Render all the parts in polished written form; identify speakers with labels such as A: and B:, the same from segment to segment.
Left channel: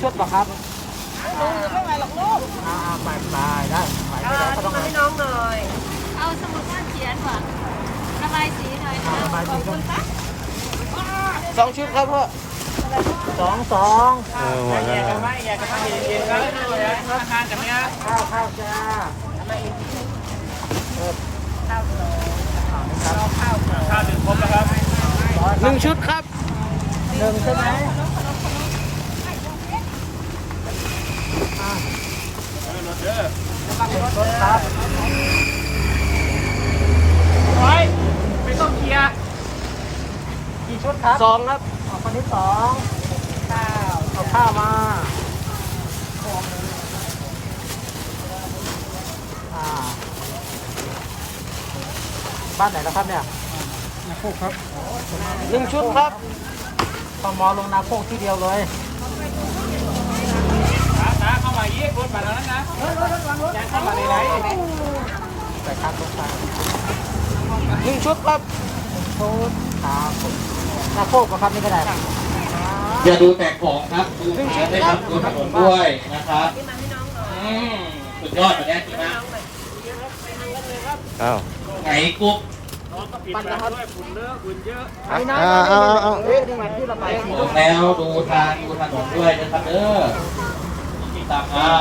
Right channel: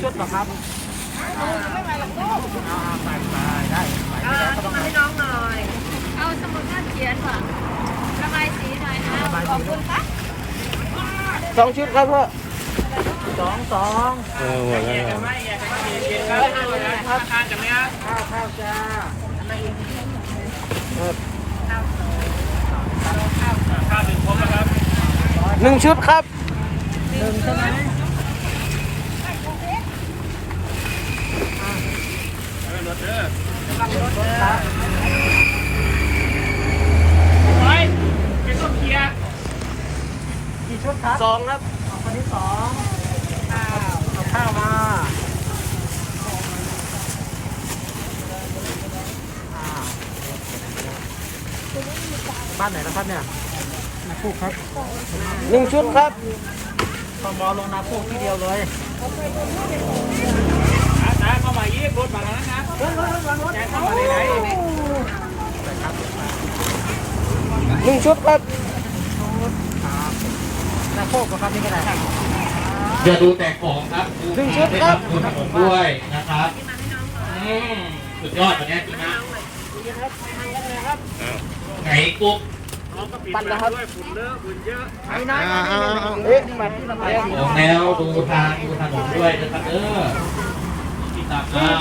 A: ชุดเหรอครับไม่ไหวหรอกลูกไปนะให้น้องหน่อย
B: เอาสมุดก้อนเขียนว่ะระบายสีหน่อยนะขอบคุณครับ
A: 2 ชุดครับพ่อสอง
C: หมดแล้วนะ
A: 1 ชุดครับ1ใช่ไหมครับ
D: ไม่ต้องเคลียร์
A: กี่ชุดครับ2ครับคนที่2ข้าวมาบ้านไหนนะครับเนี่ยนาโคกครับ1 ชุดครับพอมอลงนาโคกที่เดียวเลย
D: นะเข้ามายี่รถมาแล้วนะรถเข้ามาไหน
A: 1 ชุดครับนาโคกครับนี่ก็ได้ครับ
E: อย่าดูแต่ของครับดูทางด้วยครับดูถนนด้วยนะครับสุดยอดแบบนี้จริงนะ
C: อ้าว
E: ไหนกุ๊ก
D: ปั่นนะครับด้วยฝุ่นเลอะฝุ่นเยอะ
C: เอา
E: ผมแล้วดูทางดูถนนด้วยนะครับมีตามอ้าว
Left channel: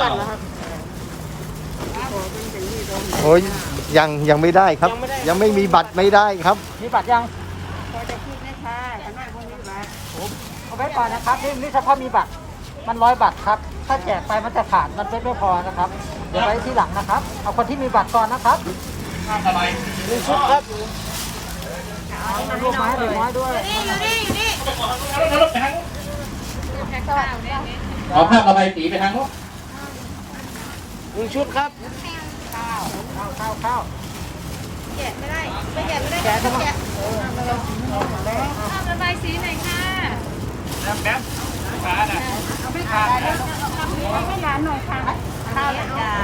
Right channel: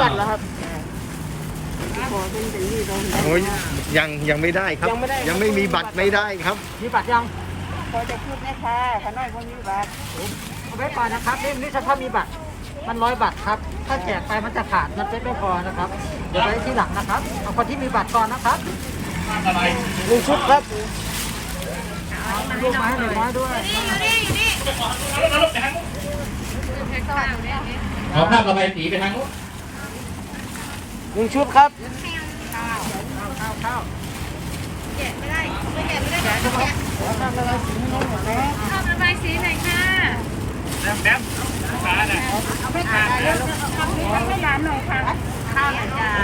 C: โอ้ยยังไม่ได้ครับ ยังไม่มีบัตรไม่ได้ครับ
A: มีบัตรยัง
B: พอจะพูดไหมคะขน้อยคนนี้บัตร
A: เอาไว้ก่อนนะครับนี่ถ้ามีบัตรมัน100 บาทครับถ้าแจกไปมันจะขาดมันเป็นไม่พอนะครับเดี๋ยวไว้ที่หลังนะครับเอาคนที่มีบัตรก่อนนะครับ
E: อะไร
A: 1 ชุดครับลูกไม้หนึ่งไม้ด้วย
E: เอาข้ามระบายสีไปทางโน้น
A: 1 ชุดครับ
B: ชอบระบายสีหน่อยค่ะ
D: แป๊บขาน่ะ
B: เอาไปขายแล้วทำให้น้ำหน่อยค่ะข้าวหน่อยจ้า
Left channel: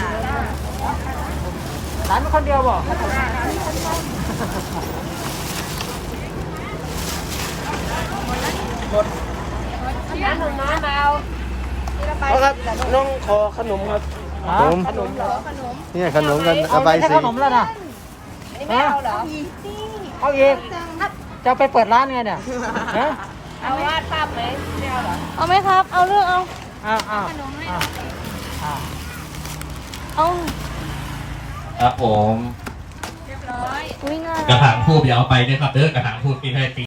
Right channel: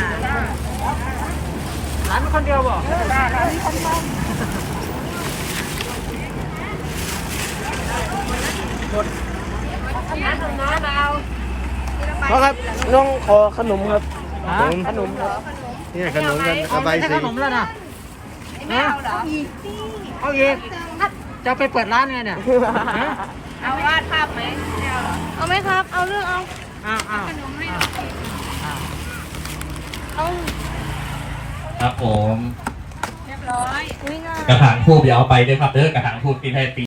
A: หลานคนเดียวบ่ครับลุงขอขนมครับ
C: ผม
A: ขนมเหรอ
C: นี่ขนมกันระบายสี
A: ขนมแล้วนะ
B: อันนี้ไม่เอาเหรอ
A: เอาอีกจะไปเปิดร้านไงเนี่ย
B: เอาวาดภาพไหมไม่เอาเหรอเอาไหมครับเอาเลือกเอา
A: เอา
B: ขนมให้เอาเอา
E: ครับผม
B: เรียบร้อย
E: กระถางทูบอย่าเอาไปด้วยครับกระถางทูบกินให้